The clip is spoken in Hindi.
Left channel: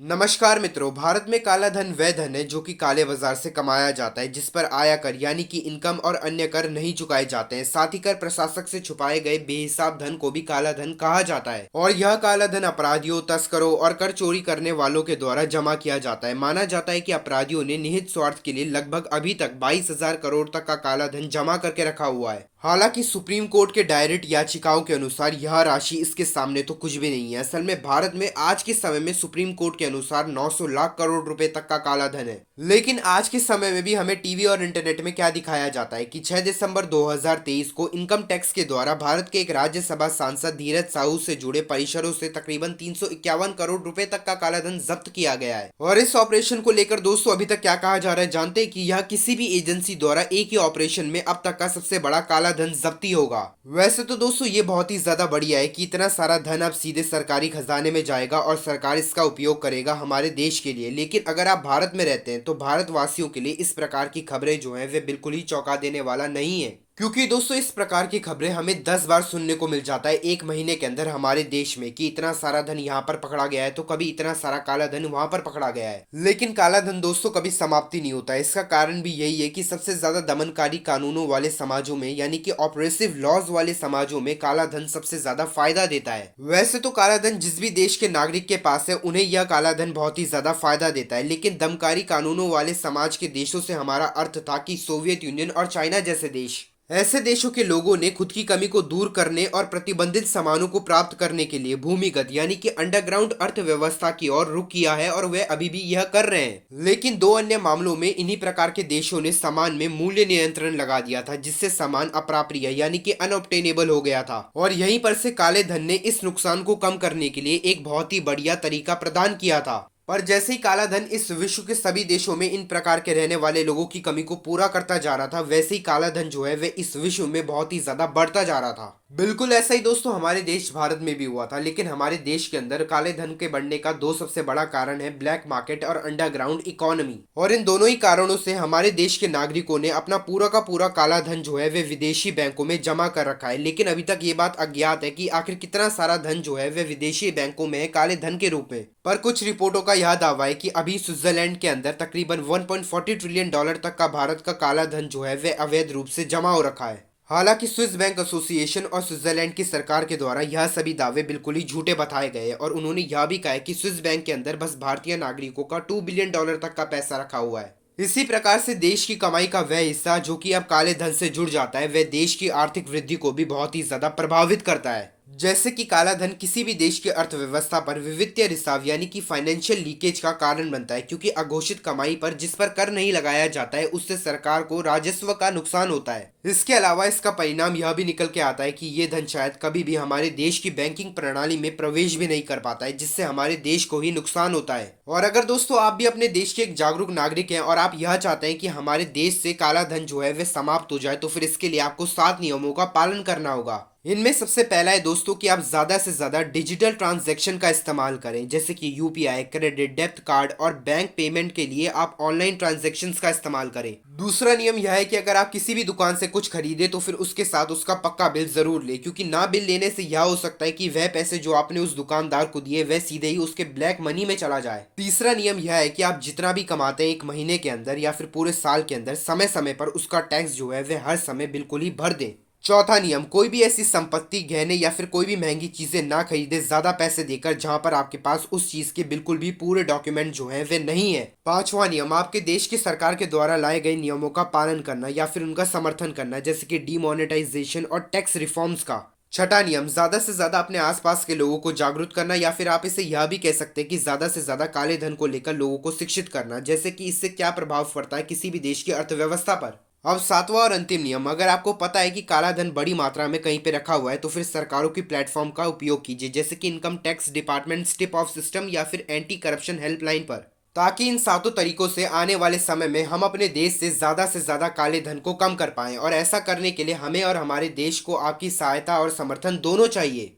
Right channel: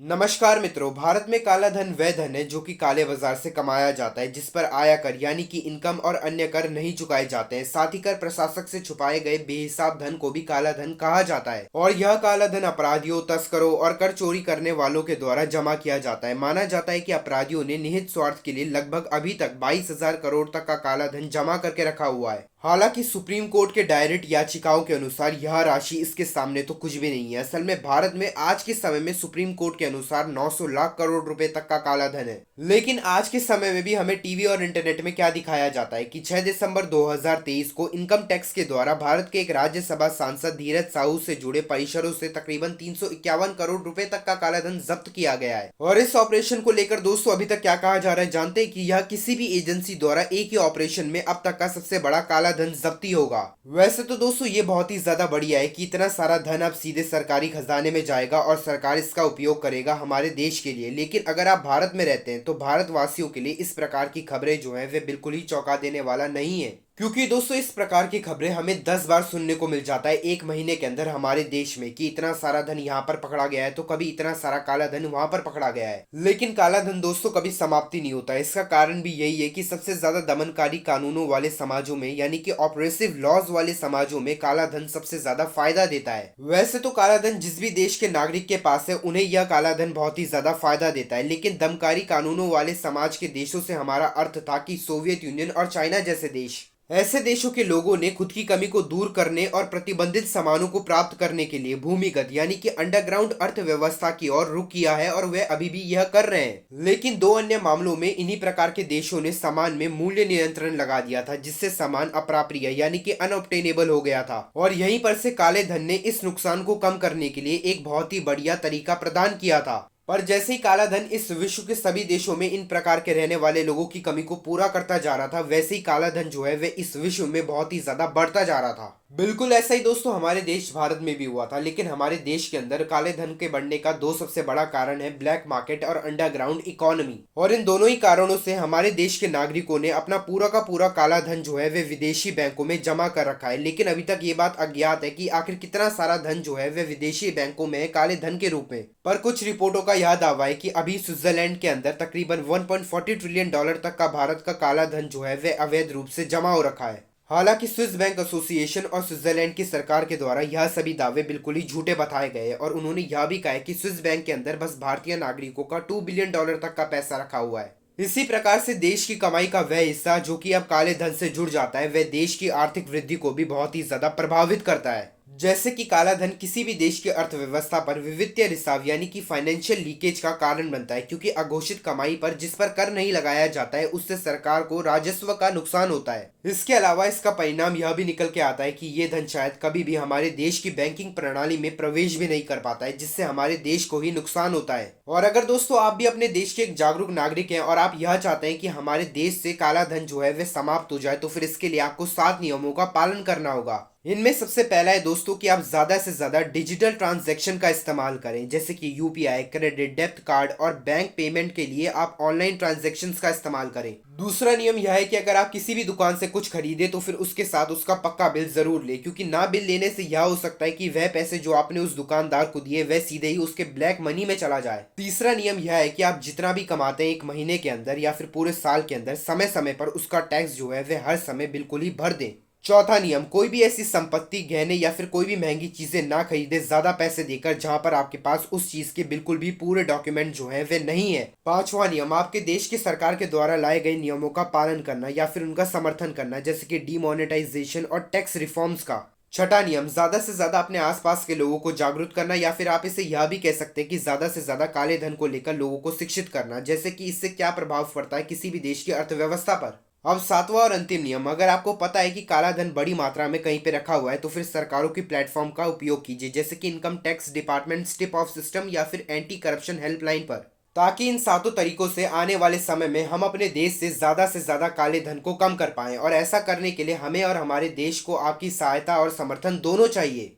नमस्कार मित्रों। भारत में काला धन वह धन है जो कि काले बाजार से कमाया जाता है, जिस पर आयकर यानी कि इनकम और अन्य कर नहीं चुकाए जाते हैं। साथ ही कर प्रशासक से छुपाए गए बेहिसाब धन को भी काला धन कहा जाता है और यह काला धन अपराधियों, तस्करों और कर चोरी करने वालों के द्वारा जमा किया जाता है। माना जाता है कि अपराधियों ने निहित स्वार्थ के लिए लगभग अभी तक 22,000 करोड़ तक का काला धन जमा करके रखा हुआ है। हालांकि सुप्रीम कोर्ट के डायरेक्ट याचिकाओं के अनुसार यह राशि इसके सामने तो कुछ भी नहीं है। असल में भारत में आज के समय में सुप्रीम कोर्ट के अनुसार 900 लाख करोड़ रुपए तक का काला धन है। लेकिन आज के समय में भी हमें टीवी और इंटरनेट में क्या दिखाया जाता है कि 6 दिसंबर 2023 को इनकम टैक्स के द्वारा भारत के एक राज्यसभा सांसद धीरज साहू से जुड़े परिसरों से तकरीबन 351 करोड़ रुपए तक का काला धन जब्त किया गया है। और इस ऑपरेशन को लेकर दोस्तों अभी तक क्या कहा जा रहा है जानते हैं कि यह किसी भी एजेंसी द्वारा एक ही ऑपरेशन में अब तक का सबसे बड़ा काला धन जब्ती होगा। वैसे तो दोस्तों ये बहुत ही ज्यादा बढ़िया है कि इतना सारा धन अब सीधे सरकारी खजाने में जाएगा और सरकार इसका उपयोग करेगा हमारे देश के लिए। लेकिन अगर आप भारत में रहते हैं तो भारतवासियों के लिए इस प्रकार की खबरें जो हैं वे बिल्कुल ही चौंका देने वाला नहीं है, क्योंकि दोस्तों इस प्रकार की खबरें हमें 10 बार सुनने को मिल जाता है एक महीने के अंदर हमारे देश में कि इतना सारा धन यहाँ पर पकड़ा गया है तो कभी इतना सारा काला धन वहां पर पकड़ा गया है। लेकिन काला धन दोस्तों कभी समाप्ति नहीं होता है। इसका कारण भी यही है कि सबसे ज्यादा दमनकारी कानूनों वाले समाजों में यानी कि ऑपरेसिव लॉज वाले समाजों में काला धन सबसे ज्यादा फायदा देता है। वैसे तो काला धन जिस भी देश के नागरिक के पास है उन्हें यह काला धन बहुत ही ज्यादा फायदा देता है, लेकिन दमकारी कानूनों वाले समाज के देशों से हमारा अर्थ था कि सोवियत यूनियन और चाइना जैसे देश। ऐसे देशों के लोगों ने खुद की कमी को दूर करने और प्रतिबंधित सामानों को प्राप्त करने के लिए भूमिगत यानी कि अंडरग्राउंड अर्थव्यवस्था की ओर रुख किया है और वे अभी भी यह कर रहे हैं। लेकिन दो अन्य मामलों में इन्हीं प्रकार के देशों ने सामान में मूल्य नियंत्रण लगा दिया था, जिससे सामान अप्राप्रिय यानी कि अनऑब्टेनेबल हो गया था। और यहीं पर से काले धन ने इस नुकसान को कम करने के लिए एक बहुत ही बढ़िया तरीका प्रदान किया था। पर जैसे ही काला धन इस विश्व के सभी देशों में इन प्रकार के रहने वाले लोगों की कमी को पूरा करता जा रहा था, वैसे ही काला धन जो है वह इस विश्व में बहुत ही ज्यादा बढ़ता जा रहा था। बिल्कुल ऐसा ही दोस्तों हमारे देश भारत में भी हुआ था। लेकिन हमारे देश के अंदर काले धन के बढ़ने का दो सबसे बड़ा कारण है ब्लैक मार्केट और अंडरग्राउंड इकोनॉमी। और इन दोनों ही कारणों से हमारे देश के नागरिकों ने अपना पूरा का पूरा काला धन जो है वह विदेशी बैंकों में जमा कर रखा है। लेकिन अभी तक ये बात अज्ञात है कि आखिर कितना सारा धन जो है वह विदेशी बैंकों में है काले धन के रूप में। पर कुछ रिपोर्टों का यह दावा है कि अभी स्विट्जरलैंड के अंदर तकरीबन 1.40 ट्रिलियन डॉलर तक का भारत का काला धन जो है वह अवैध रूप से जमा हो रखा है। हालांकि स्विस बैंक एसोसिएशन और स्विट्जरलैंड की सरकार के द्वारा यह सभी दावे बिल्कुल ही झूठे बताए गए और उन्होंने यह भी कहा है कि स्विस बैंक के अंदर बस भारतीय नागरिकों का 2 बिलियन डॉलर तक का पैसा रखा हुआ है। इसी प्रकार से देश की कमाई का वह हिस्सा जो कि अब काले धन से जुड़ जाता है वह देश की आर्थिक वृद्धि को भी बहुत ही ज्यादा प्रभावित करता है। जैसे कि काला धन किसी भी देश की अर्थव्यवस्था पर वित्तीय रिसाव यानी कि फाइनेंशियल लीकेज का कारण बनता है, क्योंकि अघोषित कमाई पर जिस पर कर नहीं लगाया जाता है उससे सरकार को राजस्व का नुकसान होता है। इसके अलावा इसका परिणाम यह भी निकल के आता है कि ये धन शायद कभी भी हमारे देश की बैंकिंग प्रणाली में प्रवेश भी नहीं कर पाता है, जिससे हमारे देश को ही नुकसान होता है। और अगर दोस्तों आप भी अपने देश के एक जागरूक नागरिक हैं और आप यह चाहते हैं कि हमारे देश से काला धन जो है वह समाप्त हो जाए, तो फिर इसके लिए आपको 7 नियमों का पालन करना होगा। इनमें सबसे पहला है दोस्तों कि आप ज्यादा से ज्यादा डिजिटल ट्रांजैक्शन का इस्तेमाल करें, जैसे कि यूपीआई, क्रेडिट, डेबिट कार्ड और बैंक पेमेंट के लिए आप ऑनलाइन ट्रांजैक्शंस का इस्तेमाल करें। दूसरा नियम यह है कि अगर आप किसी भी दुकान से कुछ खरीदे तो फिर उसके साथ उसका पक्का बिल जरूर ले, क्योंकि ना बिल लेने से यह हो सकता है कि वह पैसे जो आपने उस दुकानदार को दिए वह सीधे ही उसके ब्लैक मनी में चला जाए। तीसरा नियम यह है कि आप जितना भी कमाते हैं एक महीने के अंदर या फिर पूरे साल के अंदर समय समय पर उसका टैक्स जो है वह हर समय बिल्कुल ही भर दें। चौथा नियम, कोई भी ऐसी संपत्ति, गहने या फिर कोई भी महंगी चीजें ना खरीदे ज्यादा पैसे देकर जहां पर आपके पास उस चीज के बिल्कुल भी पूरे डॉक्यूमेंट जो है वे नहीं है। पांचवा नियम, आपके देश की सरकार के द्वारा लाए गए नियमों का पालन करना या फिर उनका समर्थन करना, जैसे कि डीमोनेटाइजेशन और टैक्स रिफॉर्म्स का। छठा नियम, ज्यादा से ज्यादा अपने आसपास के लोगों को जागरूक करना या फिर आप इसे यह भी कह सकते हैं कि ज्यादा से ज्यादा काले धन को लेकर लोगों को शिक्षित करना, जैसे कि इससे क्या प्रभाव पड़ता है किसी भी देश की अर्थव्यवस्था पर। अब सातवां और अंतिम नियम, अगर आपको पता है कि काला धन बड़ी मात्रा में कहीं पे रखा हुआ है तो फिर सरकारों की प्लेटफॉर्म का उपयोग कीजिए, जैसे कि इनकम टैक्स डिपार्टमेंट, स्टिप ऑफ सिस्टम या फिर एंटी करप्शन हेल्पलाइन पर, ताकि इन सातों तरीकों से आने वाले समय में हम अपने देश से ज्यादा काले धन को कम कर पाएं। और ऐसा करने के लिए हमें और हमारे देश को आपकी सहायता और समर्थन दोनों चाहिए।